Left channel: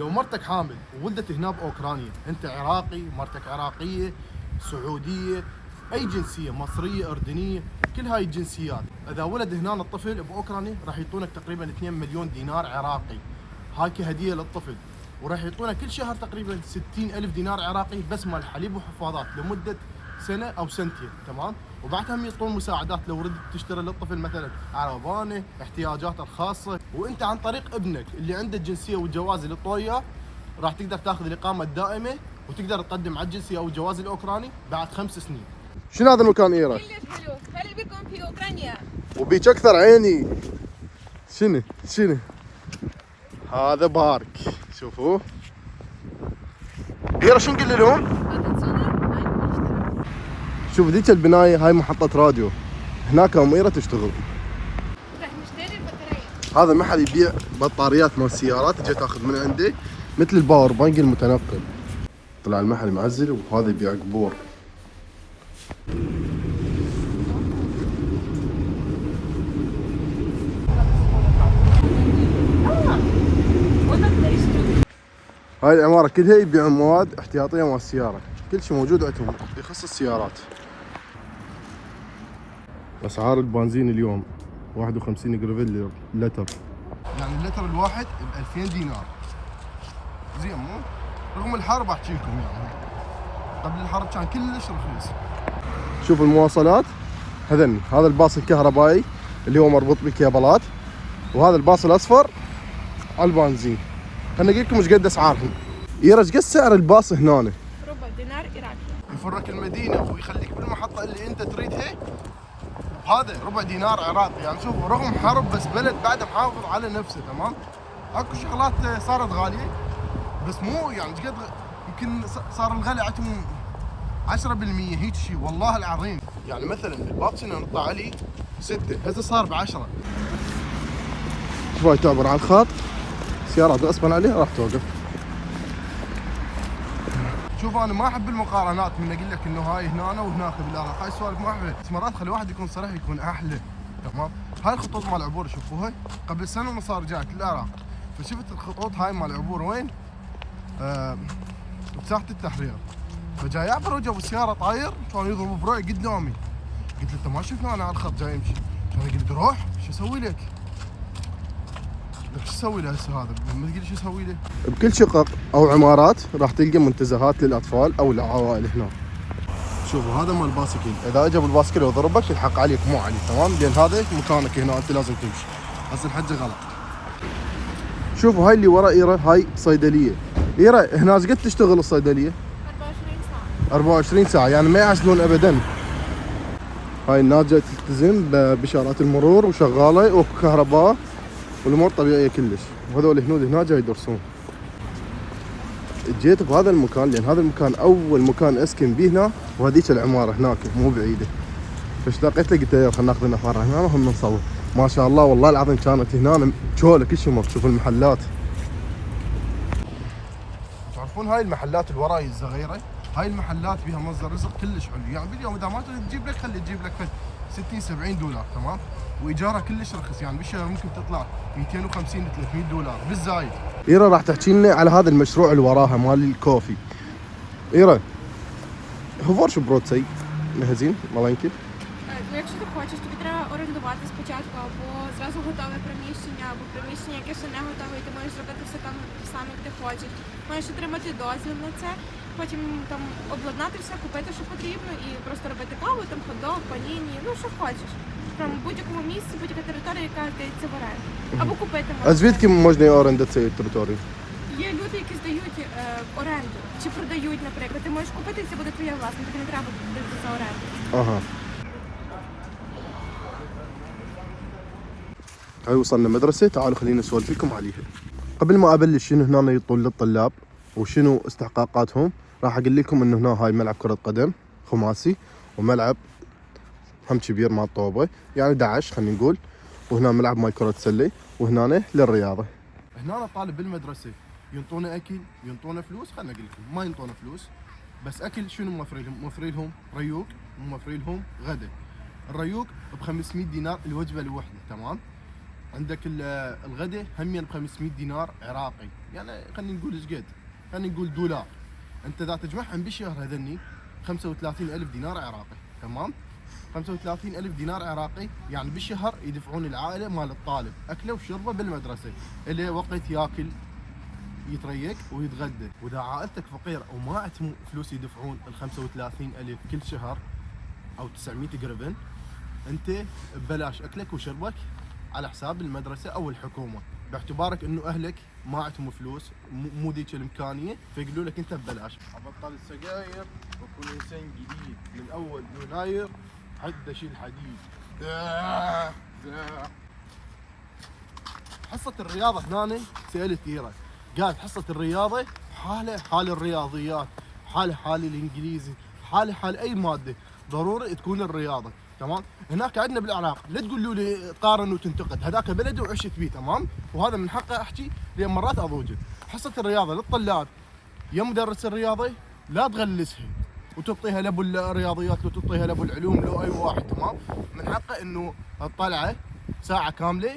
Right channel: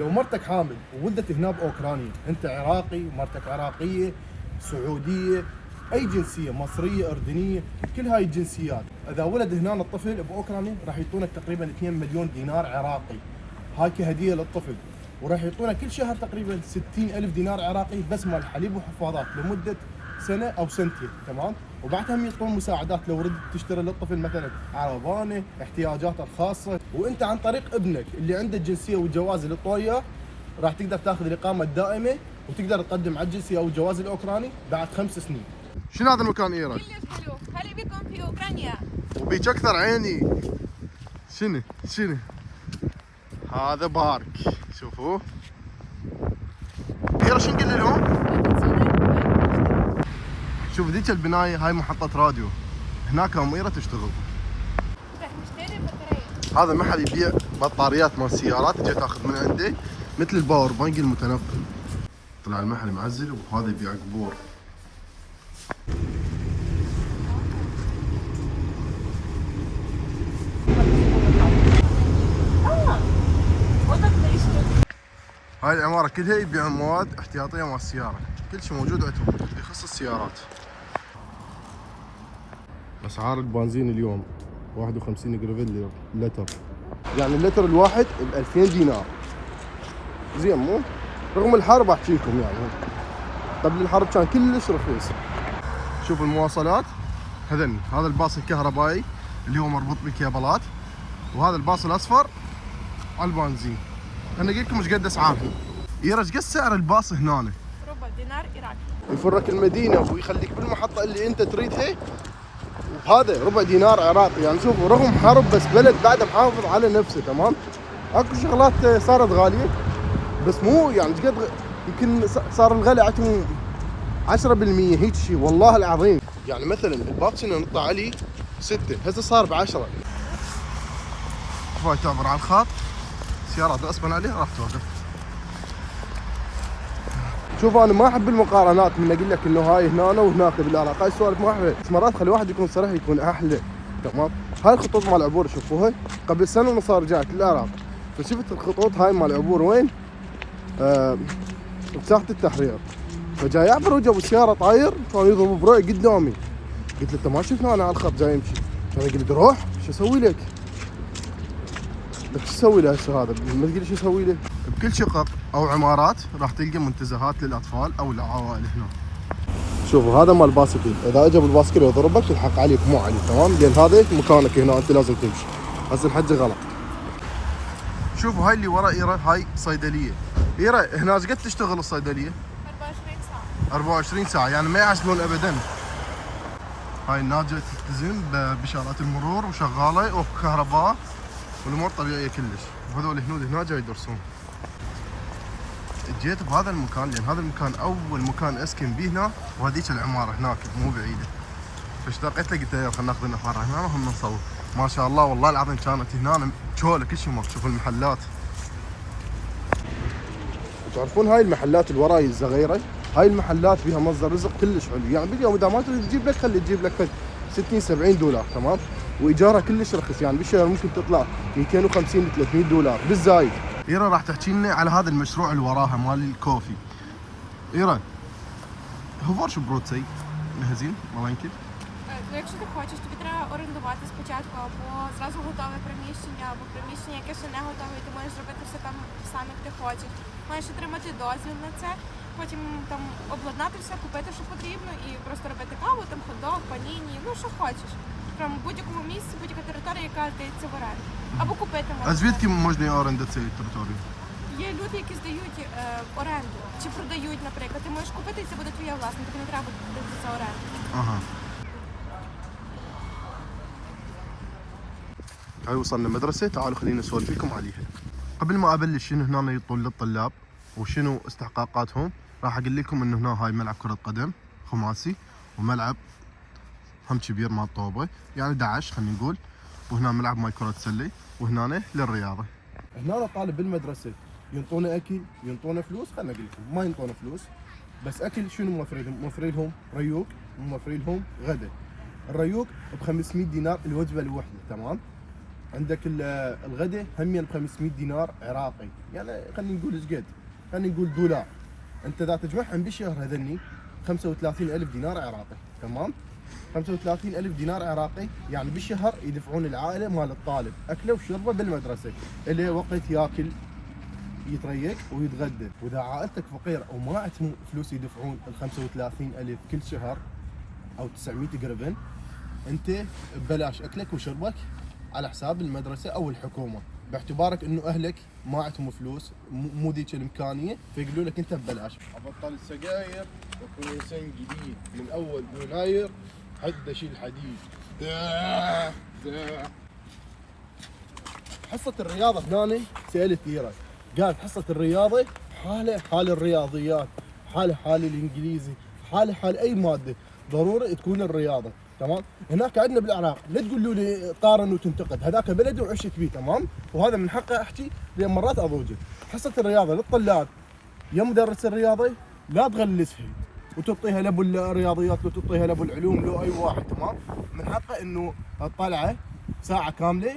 لو مرتك حامل وولدت هنا باوكرانيا، انت عراقي، مرتك عراقيه، سعوديه، اي جنسيه، مصريه، اردنيه، كل هاي الجنسيات، اذا ولد هنا الطفل باوكرانيا راح يعطونك تقريبا 2 مليون دينار عراقي، هاي كهديه للطفل. وراح يعطونا كل شهر تقريبا 60,000 دينار عراقي بس مال حليب وحفاضات لمده سنه او سنتين، تمام؟ وبعدها هم يعطون مساعدات لو ردت تشتري للطفل مثلا عربانه، احتياجاته الخاصه. وانت عن طريق ابنك اللي عنده الجنسيه والجواز اللي طوياه راح تقدر تاخذ الاقامه الدائمه وتقدر تقدم على الجنسيه او الجواز الاوكراني بعد 5 سنين. شنو هذا المكان ايران؟ كلش حلو، هلا بكم في اوكرانيا. وبيك اكثر عيني. شنو؟ هذا بارك، شوفوا. ايرا شو نقول لهم؟ شوف ذيك البنايه هاي محطة راديو، هناك اميرة تشتغل. رح نشتري بطارية. هذا محل يبيع بطاريات مال السيارات، جيت اخذ من عنده مثل الباور بانك المتنقل. طلع المحل معزل وهذا يبيع قبور. هاي العمارة كلها يبيعون مواد احتياطية مال السيارة، كل شيء موجود عندهم يخص السيارات. اسعار البنزين اليوم 51 جرافيل لتر، يعني اللتر الواحد ب 2000 دينار. زين مو؟ رغم الحرب احكي لكم يعني قبل الحرب كان كلش رخيص. شوف المواصلات هذني، هذا الباص الكهربائي اللي هو مربوط بالكيبلات، وهذا الباص الاصفر على البنزين. خليني اقول لكم ايش قد اسعارهم. يرى ايش قد سعر الباص هنا؟ ربع دينار عراقي. يفرك المدينه ويخليك بالمحطه اللي انت تريدها، هذا ربع دينار عراقي. يعني شوفوا رغم حرب بس بلد بعده محافظ على نفسه، تمام؟ اكو شغلات صارت غاليه بس مو يعني قد يمكن صار الغلاء عندهم 10% هيك شيء والله العظيم. يعني مثلا الباص هنا نطلع عليه 6 هسه صار ب 10. شوي تعبر على الخط سيارات غصبا عليها راح توقف. شوف انا ما احب المقارنات من اقول لك انه هاي هنا وهناك بالعراق، هاي السوالف ما احبها، بس مرات خلي واحد يكون صريح يكون احلى، تمام؟ هاي الخطوط مال العبور شوفوها قبل سنه ونص صار جاك للعراق، فشفت الخطوط هاي مال العبور وين؟ بساحه التحرير. فجاي يعبر وجه بالسياره طاير كان يضرب بروحي قدامي. قلت له انت ما شفنا انا على الخط جاي يمشي، كان يقول لي روح شو اسوي لك؟ لك شو اسوي له هسه هذا؟ ما تقول لي شو اسوي له؟ بكل شقق او عمارات راح تلقى منتزهات للاطفال او العوائل هنا. شوفوا هذا مال الباسكل، اذا اجى بالباسكل وضربك الحق عليك مو علي، تمام؟ لان هذا مكانك هنا انت لازم تمشي. هسه الحجه غلط. شوفوا هاي اللي ورا ايرا هاي صيدليه. ايرا هنا ايش قد تشتغل الصيدليه؟ 24 ساعة. 24 ساعه، يعني ما يعسلون ابدا. هاي الناس جاي تلتزم باشارات المرور وشغاله وكهرباء والامور طبيعيه كلش، وهذول الهنود هنا جاي يدرسون. جيت بهذا المكان لان هذا المكان اول مكان اسكن به هنا، وهذيك العماره هناك مو بعيده. فاشتاقيت له قلت له خلينا ناخذ لنا فرع هنا وهم نصور. ما شاء الله والله العظيم كانت هنا شوله كل شيء. شوف المحلات، تعرفون هاي المحلات اللي وراي الصغيره، هاي المحلات فيها مصدر رزق كلش حلو. يعني باليوم اذا ما تريد تجيب لك خلي تجيب لك 60 70 دولار، تمام؟ وايجارها كلش رخيص، يعني بالشهر ممكن تطلع 250 ل 300 دولار بالزايد. ايرا راح تحكي لنا على هذا المشروع اللي وراها مال الكوفي. ايرا говориш про цей магазин маленький? Ну, якщо ти хочеш, тобі треба орендувати спочатку або зразу готове приміщення, або приміщення, яке ще не готове, і ти можеш зробити все там сам, як ти хочеш. Маєш отримати дозвіл на це, потім там обладнати все, купити, що потрібно, і просто робити каву, там хот-дог, паніні, ну що хочеш. Прямо в будь-якому місці, будь-яка територія, яка здається в оренду. Або купити можна. А звідки можна оренда цієї території? Є люди, які здають в оренду, чи продають, наприклад. Ти можеш купити, і це буде твоя власна, тобі не треба буде за оренду. اها. هاي وصلنا مدرسة، تعالوا خلينا نسولف لكم عليها. قبل ما ابلش شنو هنا يطول للطلاب وشنو استحقاقاتهم، راح اقول لكم انه هنا هاي ملعب كرة قدم خماسي، وملعب هم كبير مال طوبة، يعني 11 خلينا نقول، وهنا ملعب مال كرة سلة، وهنا للرياضة. هنا طالب بالمدرسة ينطونا اكل، ينطونا فلوس، خلينا اقول لكم ما ينطونا فلوس، بس اكل شنو موفرين لهم؟ موفرين لهم ريوق، وموفرين لهم غدا. الريوق ب 500 دينار الوجبة الوحدة، تمام؟ عندك الغداء همين ب 500 دينار عراقي، يعني خلينا نقول ايش قد؟ خلينا نقول دولار. انت اذا تجمعهم بالشهر هذني 35,000 دينار عراقي، تمام؟ 35,000 دينار عراقي يعني بالشهر يدفعون العائله مال الطالب اكله وشربه بالمدرسه، اللي وقت ياكل يتريق ويتغدى. واذا عائلتك فقيره وما عندهم فلوس يدفعون ال 35,000 كل شهر او 900 قربن، انت ببلاش اكلك وشربك على حساب المدرسه او الحكومه، باعتبارك انه اهلك ما عندهم فلوس، مو ذيك الامكانيه، فيقولوا لك انت ببلاش. ابطل السجاير واكون انسان جديد من اول يناير، حد اشيل حديد. حصه الرياضه هنا سالت كثيره، قالت حصه الرياضه حاله حال الرياضيات، حاله حال الانجليزي، حاله حال اي ماده، ضروري تكون الرياضه، تمام؟ هناك عندنا بالعراق لا تقولوا لي قارن وتنتقد، هذاك بلدي وعشت فيه، تمام؟ وهذا من حقي احكي لان مرات اضوجه. حصه الرياضه للطلاب يا مدرس الرياضي لا تغلسها وتعطيها لابو الرياضيات وتعطيها لابو العلوم لو اي واحد، تمام؟ من حقه انه الطلعه ساعه كامله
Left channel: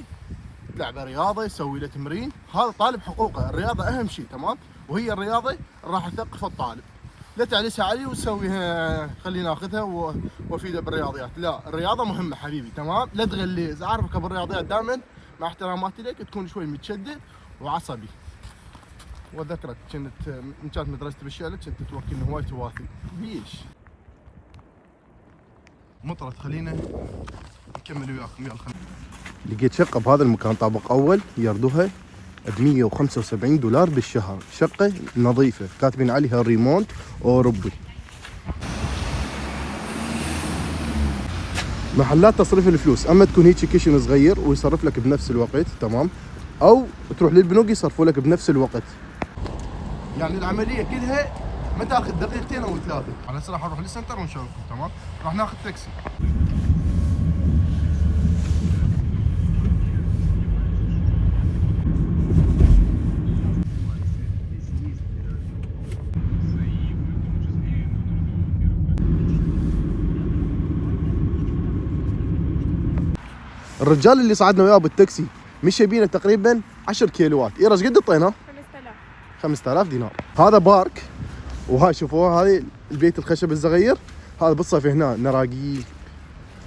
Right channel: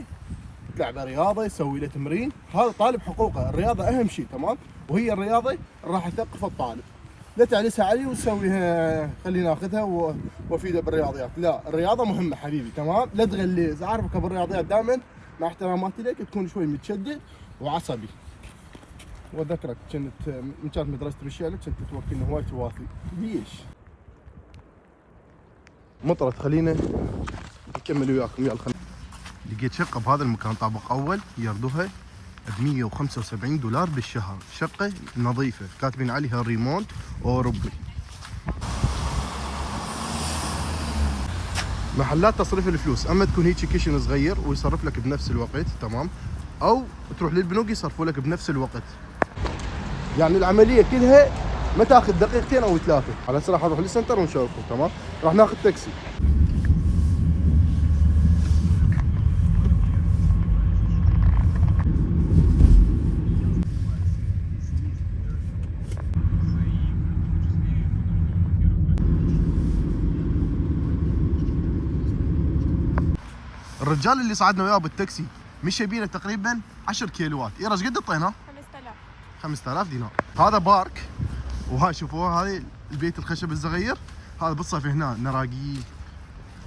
تلعب رياضه، يسوي له تمرين، هذا طالب حقوقه، الرياضه اهم شيء، تمام؟ وهي الرياضه راح تثقف الطالب. لا تعلسها علي وتسويها خليني اخذها وافيده بالرياضيات، لا الرياضه مهمه حبيبي، تمام؟ لا تغليز، اعرفك ابو الرياضيات دائما مع احتراماتي لك تكون شوي متشدد وعصبي. واذكرك من كانت مدرستي بالشارع كنت توكلني هواي توافي، ليش؟ مطرت، خلينا نكمل وياكم، يلا خلينا. لقيت شقه بهذا المكان طابق اول يردوها ب 175 دولار بالشهر، شقه نظيفه كاتبين عليها ريمونت اوروبي. محلات تصريف الفلوس، اما تكون هيك كيشن صغير ويصرف لك بنفس الوقت، تمام؟ او تروح للبنوك يصرفوا لك بنفس الوقت. يعني العمليه كلها ما تاخذ دقيقتين او ثلاثه. على هسه راح نروح للسنتر ونشوفكم، تمام؟ راح ناخذ تاكسي. الرجال اللي صعدنا وياه بالتاكسي مشى بينا تقريبا 10 كيلوات، ايش قد اعطيناه؟ 5000 دينار. هذا بارك، وهاي شوفوها هذه البيت الخشب الصغير، هذا بالصيف هنا نراقيل،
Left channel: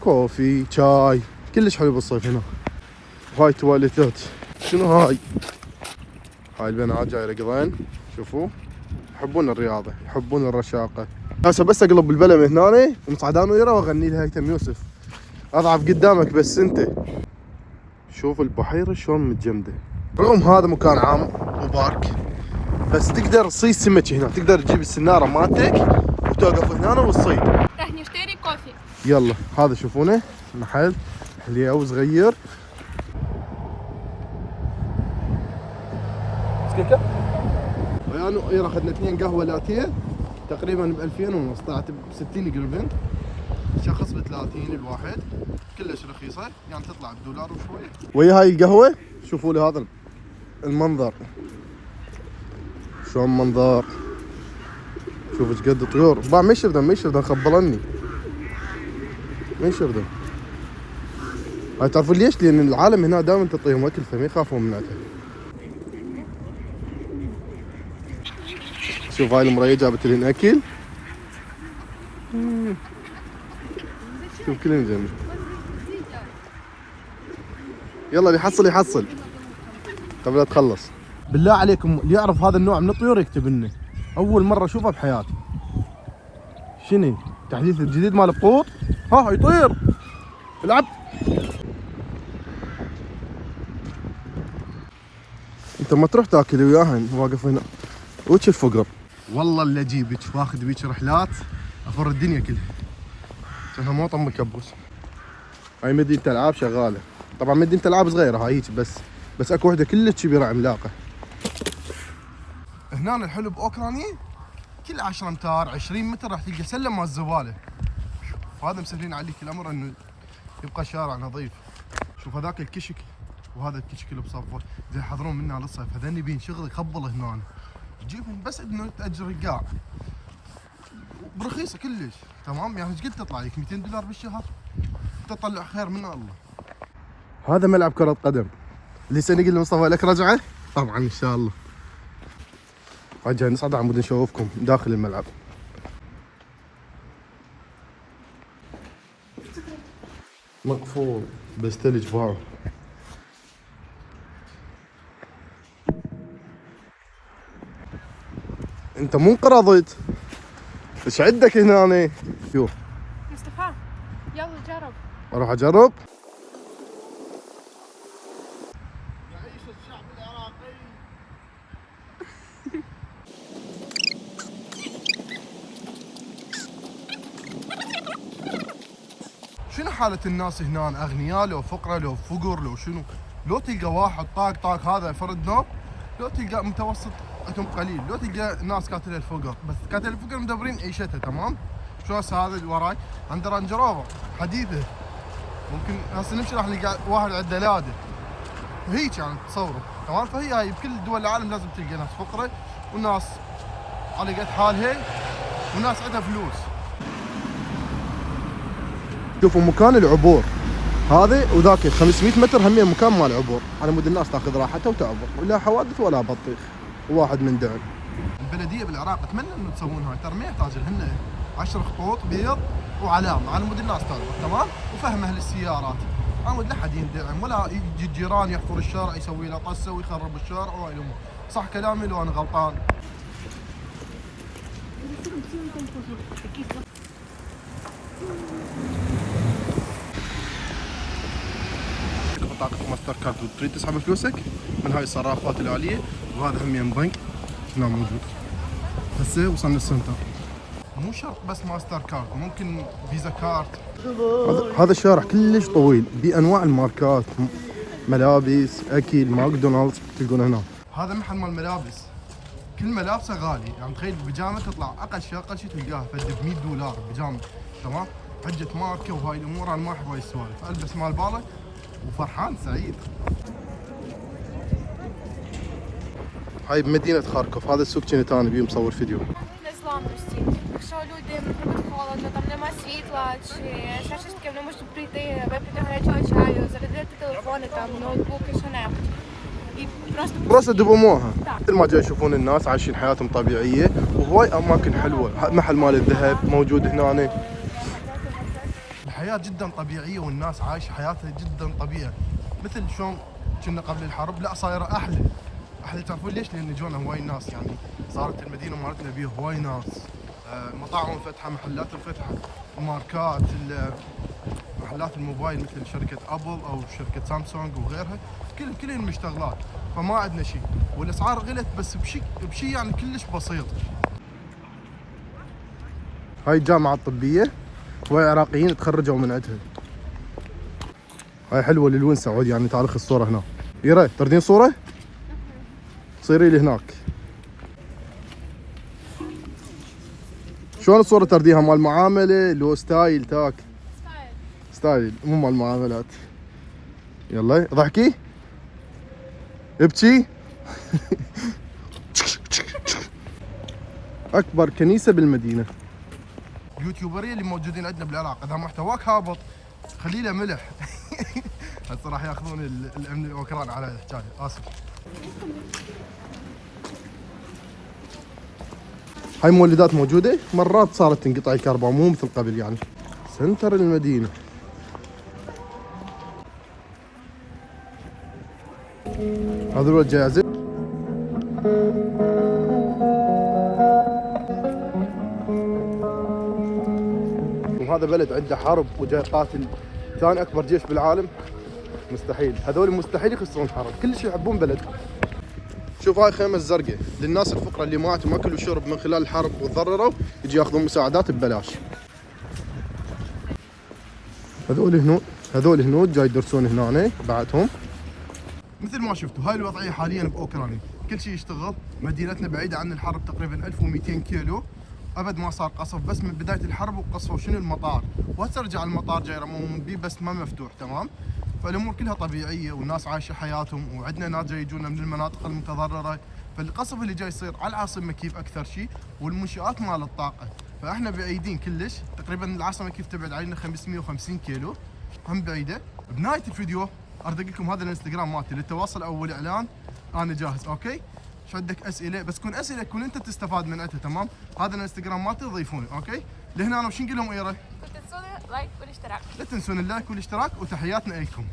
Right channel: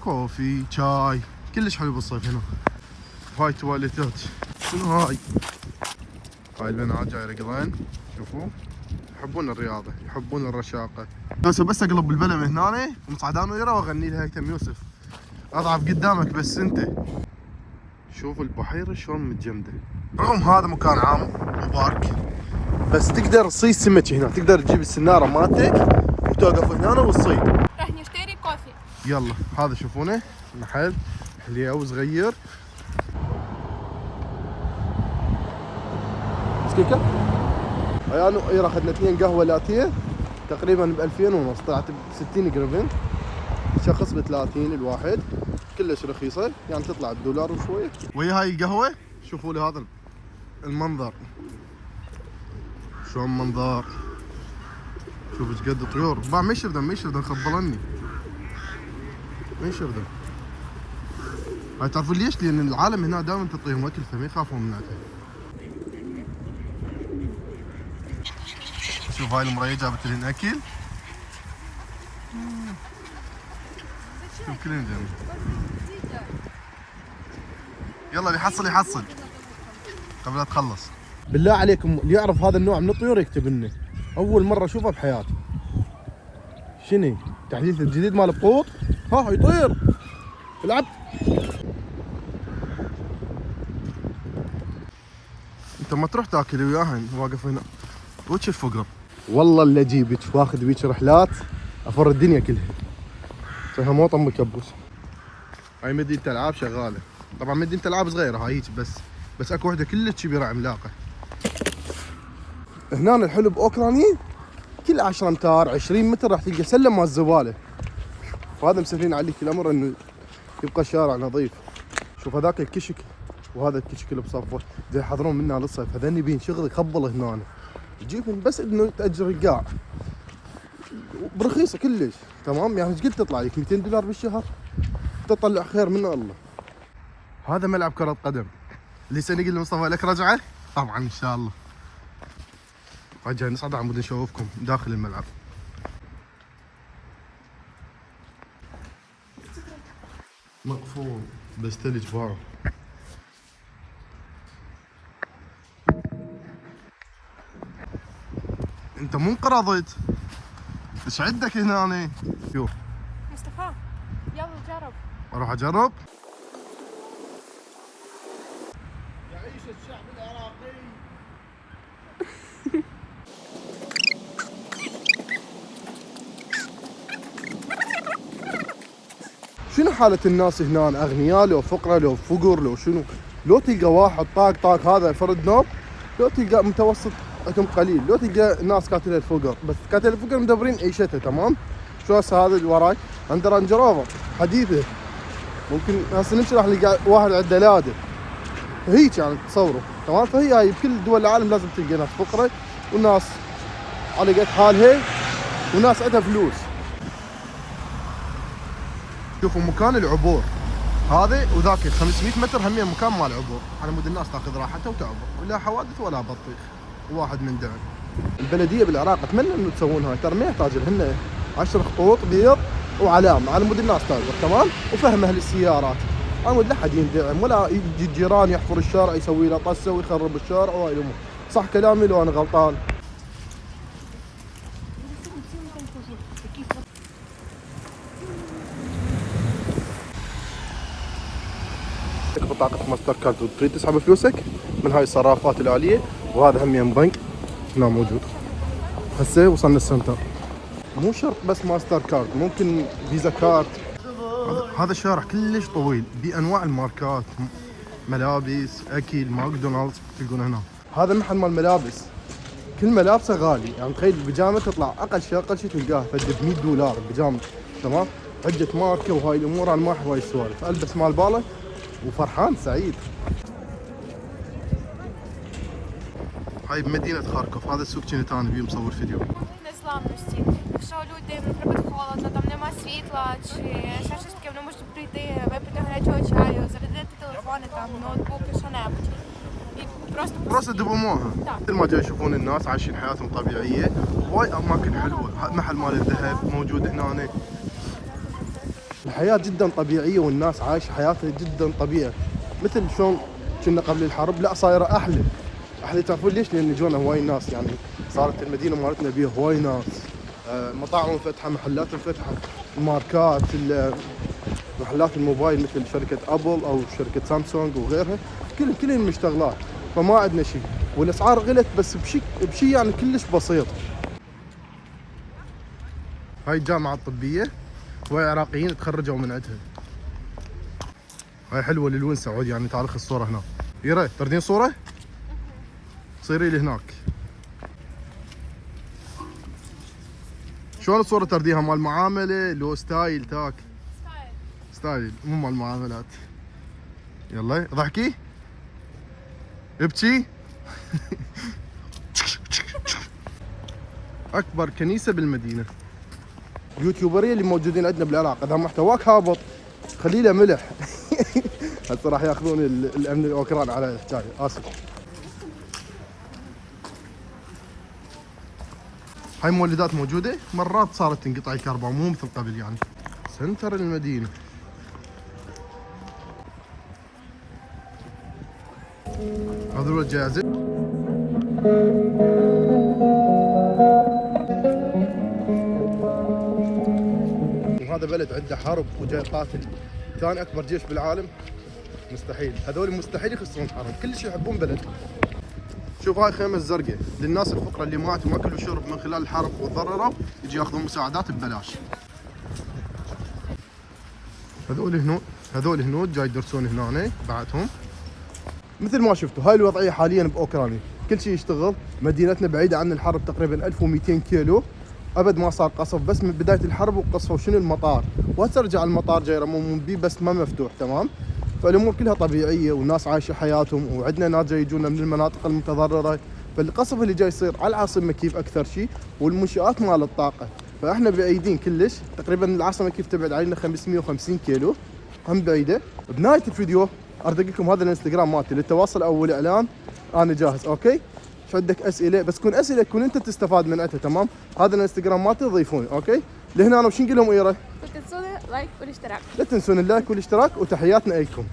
كوفي، شاي، كلش حلو بالصيف هنا. وهاي تواليتات. شنو هاي؟ هاي البنات جاي يرقضين، شوفوا يحبون الرياضه، يحبون الرشاقه. هسه بس اقلب البلم هنا ونصعد انا وياه واغني لها هيثم يوسف. اضعف قدامك بس انت. شوف البحيره شلون متجمده. رغم هذا مكان عام وبارك، بس تقدر تصيد سمك هنا، تقدر تجيب السناره مالتك وتوقف هنا وتصيد. رح نشتري كوفي. يلا هذا شوفونه محل حليو صغير. سكيكه؟ انا اخذنا 2 قهوه لاتيه تقريبا ب 2000 ونص، طلعت ب 60 قربن، شخص ب 30 الواحد، كلش رخيصه، يعني تطلع بدولار وشويه. ويا هاي القهوه شوفوا لي هذا المنظر، شلون منظر، شوف ايش قد طيور. باع ما يشردن خبلني، ما يشردن. هاي تعرفون ليش؟ لان العالم هنا دائما تعطيهم اكل فما يخافون منها. شوف هاي المرأة جابت لنا اكل، شوف كلنا جنب. يلا اللي يحصل قبل لا تخلص. بالله عليكم اللي يعرف هذا النوع من الطيور يكتب لنا، اول مره اشوفه بحياتي. شنو التحديث الجديد مال القوط؟ ها يطير العب. انت ما تروح تاكل وياهن واقف هنا وش الفقر. والله اللي اجيبك واخذ بيك رحلات افر الدنيا كلها، فيها موطن مكبوس. هاي مدينة العاب شغاله، طبعا مدينة العاب صغيره هاي هيك، بس اكو وحده كلش كبيره عملاقه. هنا الحلو باوكرانيا كل 10 امتار 20 متر راح تلقى سلم مال الزباله، وهذا مسهلين عليك الامر انه يبقى الشارع نظيف. شوف هذاك الكشك وهذا الكشك اللي بصفه زي يحضرون منها للصيف، هذني بين شغل يخبل هنا، تجيبهم بس انه تاجر القاع برخيصه كلش، تمام؟ يعني ايش قد تطلع لك 200 دولار بالشهر، تطلع خير من الله. هذا ملعب كرة قدم. اللي يسألني يقول لي مصطفى لك رجعة؟ طبعا ان شاء الله. رجع نصعد عمود نشوفكم داخل الملعب. مقفول بس ثلج فوق. انت مو انقرضت. ايش عندك هنا؟ شوف مصطفى يلا جرب. اروح اجرب. يعيش الشعب العراقي. شنو حالة الناس هنا؟ اغنياء لو فقراء لو فقر لو شنو؟ لو تلقى واحد طاق طاق هذا فرد نوب، لو تلقى متوسط عندهم قليل، لو تلقى ناس كاتله الفقر، بس كاتله الفقر مدبرين عيشتها تمام. شو هسه هذا اللي وراي عنده رانج روفر حديثه، ممكن هسه نمشي راح نلقى واحد عنده لاده هيك يعني تصوروا تمام. فهي هاي بكل دول العالم لازم تلقى ناس فقراء وناس على قد حالها وناس عندها فلوس. شوفوا مكان العبور هذا وذاك 500 متر همين مكان مال عبور على مود الناس تاخذ راحتها وتعبر، ولا حوادث ولا بطيخ وواحد من دعم. البلديه بالعراق اتمنى انه تسوون هاي، ترى ما يحتاج لهن 10 خطوط بيض وعلامه على مود الناس تعبر تمام، وفهم اهل السيارات على مود لا حد يندعم ولا يجي الجيران يحفر الشارع يسوي له طسه ويخرب الشارع وهاي الامور. صح كلامي لو انا غلطان؟ بطاقة ماستر كارد وتريد تسحب فلوسك من هاي الصرافات الآلية، وهذا هم بنك هنا موجود. هسه وصلنا السنتر. مو شرط بس ماستر كارد، ممكن فيزا كارد. هذا الشارع كلش طويل بأنواع الماركات، ملابس، أكل، ماكدونالدز تلقون هنا. هذا محل مال ملابس، كل ملابسه غالي، يعني تخيل البيجامة تطلع أقل شيء تلقاها فد ب $100 بيجامة تمام، حجة ماركة وهاي الأمور. أنا ما أحب هاي السوالف، ألبس مال باله وفرحان سعيد. هاي بمدينة خاركوف، هذا السوق كنت انا بيه مصور فيديو. Незламності. Якщо люди, наприклад, холодно, там нема світла, чи ще щось таке, вони можуть прийти, випити гарячого чаю, зарядити телефони, там, ноутбуки, що-небудь. І просто допомога. Так. مثل ما جاي يشوفون الناس عايشين حياتهم طبيعية، وهواي أماكن حلوة، محل مال الذهب موجود هنا. الحياة جدا طبيعية والناس عايشة حياتها جدا طبيعية، مثل شلون كنا قبل الحرب، لا صايرة أحلى. تعرفون ليش؟ لأن جونا هواي ناس، يعني صارت المدينة مالتنا بيها هواي ناس، مطاعم مفتحة، محلات مفتحة، الماركات، محلات الموبايل مثل شركة أبل أو شركة سامسونج وغيرها، كلهم مشتغلات، فما عندنا شيء، والأسعار غلت بس بشيء يعني كلش بسيط. هاي الجامعة الطبية، هواي عراقيين تخرجوا من عندها. هاي حلوة للون سعودي، يعني تعال خذ الصورة هنا. يرى تردين صورة؟ صيري لي هناك. شلون الصورة ترديها؟ مال معاملة لو ستايل تاك؟ ستايل مو مال معاملات. يلا ضحكي ابكي. اكبر كنيسة بالمدينة. اليوتيوبرية اللي موجودين عندنا بالعراق اذا محتواك هابط خلي له ملح. هسه راح ياخذون الامن الاوكران على الحكاية، اسف. هاي مولدات موجودة، مرات صارت تنقطع الكهرباء مو مثل قبل يعني. سنتر المدينة. هذا هو الجائزة. وهذا بلد عنده حرب وجاي قاتل ثاني اكبر جيش بالعالم، مستحيل، هذول مستحيل يخسرون حرب، كل شيء يحبون بلدهم. شوف هاي خيمة الزرقاء للناس الفقراء اللي ماتوا ما اكلوا شرب من خلال الحرب وتضرروا، يجي ياخذون مساعدات ببلاش. هذول هنود جاي يدرسون هنا بعدهم. مثل ما شفتوا هاي الوضعية حاليا باوكرانيا، كل شيء يشتغل، مدينتنا بعيدة عن الحرب تقريبا 1200 كيلو، ابد ما صار قصف، بس من بداية الحرب وقصفوا شنو المطار، وهسه رجع المطار جاي يرمون بيه بس ما مفتوح تمام. فالامور كلها طبيعيه والناس عايشه حياتهم، وعندنا ناس جاي يجونا من المناطق المتضرره، فالقصف اللي جاي يصير على العاصمه كيف اكثر شيء، والمنشات مال الطاقه، فاحنا بعيدين كلش، تقريبا العاصمه كيف تبعد علينا 550 كيلو، هم بعيده. بنهايه الفيديو ارتقيكم هذا الانستغرام مالتي للتواصل او الاعلان، انا جاهز. اوكي، شو عندك اسئله؟ بس تكون اسئله تكون انت تستفاد من عندها. تمام، هذا الانستغرام مالتي ضيفوني. اوكي، لهنا انا وش نقول لهم ايره؟ لا تنسون اللايك والاشتراك. لا تنسون اللايك والاشتراك، وتحياتنا لكم.